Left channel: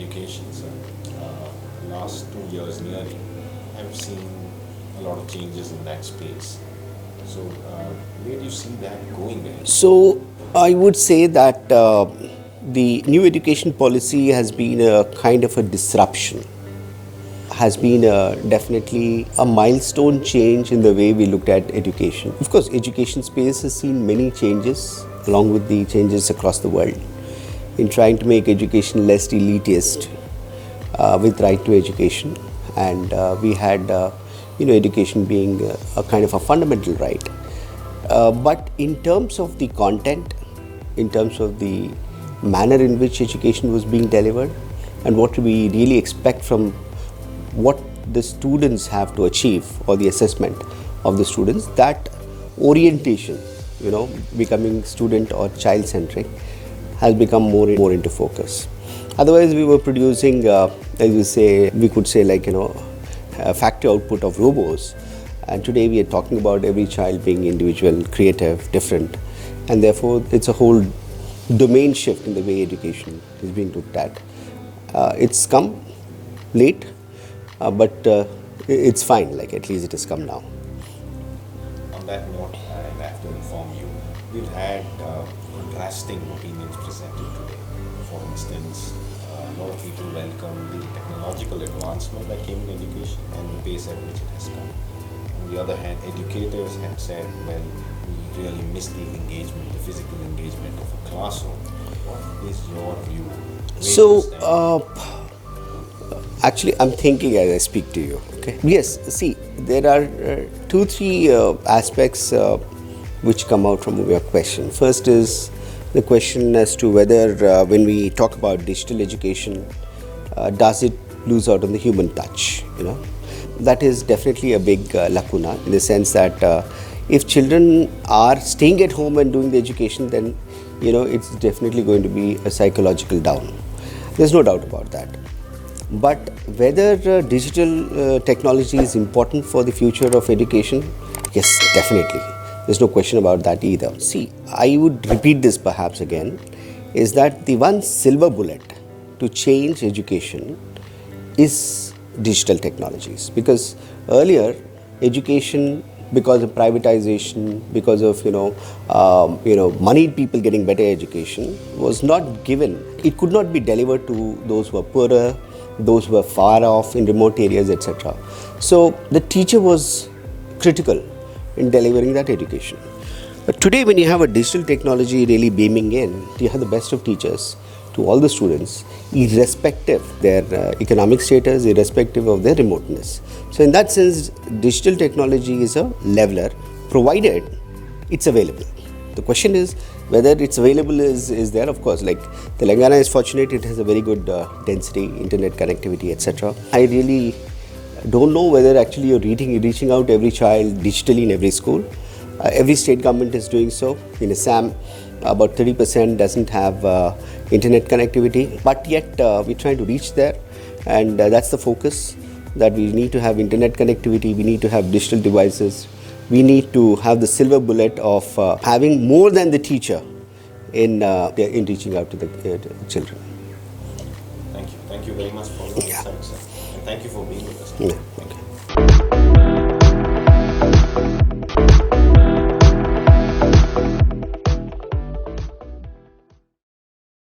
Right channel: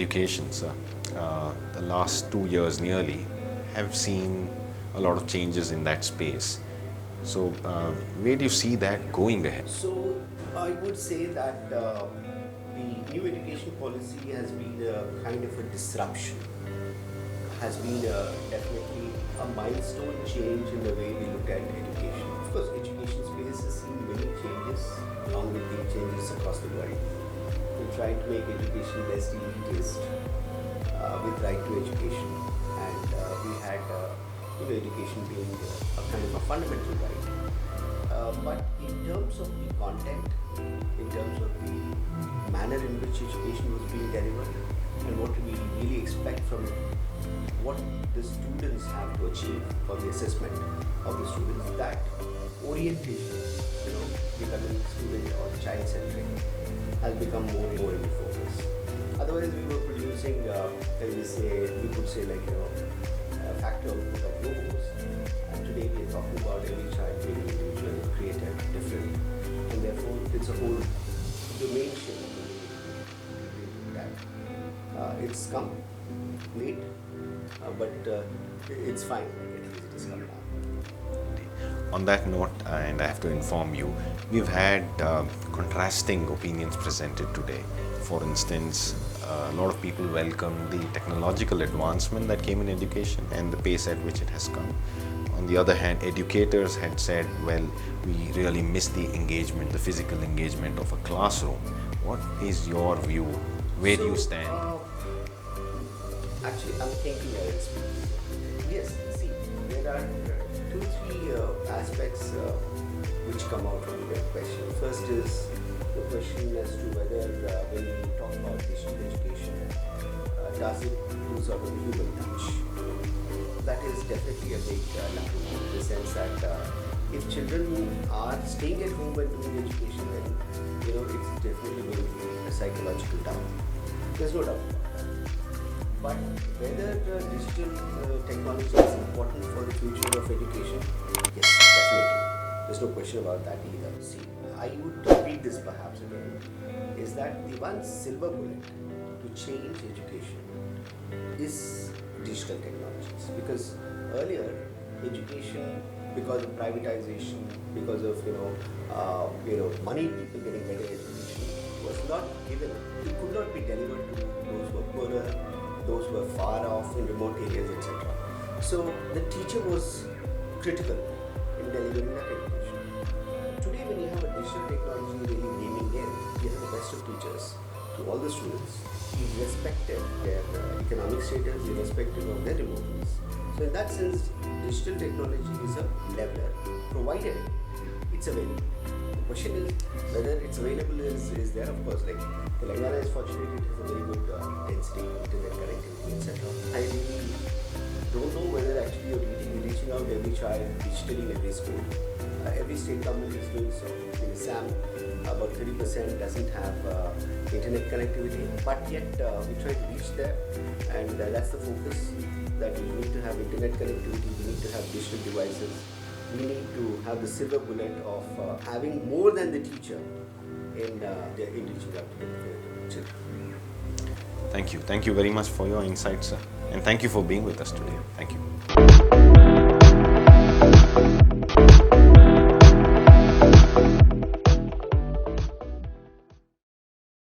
education, sir. The last 2 years nearly have seen a lot of changes in that space. So, where do you see that going ahead? So, I would say that the new education policy has been a kind of a disruption, has been definitely a milestone change in the way we looked at education. Of course, education space has seen many changes along with the changes across the world in trying to make education less elitist with right to education, and we had education being a kind of a fundamental right. But in terms of the content, in terms of the manner in which education was being delivered, and what we really expect from what the students have to achieve or the assessment of the students, that orientation, becoming student or child centric, has become more into focus. Otherwise, we were producing, as you say, we could say a factory output of robots. And today we are talking about every child being individual, creative, different. And therefore, it's a whole domain shift in the way education is being looked at. It's come late, but it's fine, at least it has come now. On that note, and I have to inform you, we've had contrasting opinions presented today. For instance, a lot of people welcome the technological advancement that came in education and the pace at which it has come. On the other hand, educators had said, well, we really miss the engagement, the physical engagement of a classroom. What is your view? Where do you stand? Actually, I'm thinking as I speak to you. Okay. Yes. See, there are 2-3 aspects which come out from your question. First is the question as to whether, when we talk about digital education, does it lose out on the human touch? That is definitely a big lacuna, in the sense that if children are staying at home and doing the education, then it's definitely going to be a psychological down. There's no doubt about that. But whether digital technology is important for the future of education, yes, definitely. There's no question about that either. See, I would repeat this perhaps again, is that the one silver bullet to change education is digital technologies. Because earlier, education, because of privatization, because of moneyed people getting better education, was not given. It could not be delivered to those who are poorer, those who were far off in remote areas, etc. So the teacher was critical in delivering that education. But today, when you have a digital technology really beaming in, you have the best of teachers to all the students, irrespective their economic status, irrespective of their remoteness. So in that sense, digital technology is a leveler, provided it's available. The question is whether it's available is there. Of course, Telangana is fortunate, it has a very good density, internet connectivity, etc. I really don't know whether actually you're reaching out every child digitally in every school. Every state government is doing so. In Assam, about 30% doesn't have internet connectivity, but yet we're trying to reach there, and that's the focus, that we need to have internet connectivity, we need to have digital devices, we need to have the silver bullet of having more than the teacher in reaching out to the children. Thank you. Thank you very much for your insights, sir. And thank you for being with us today. Yeah. Thank you.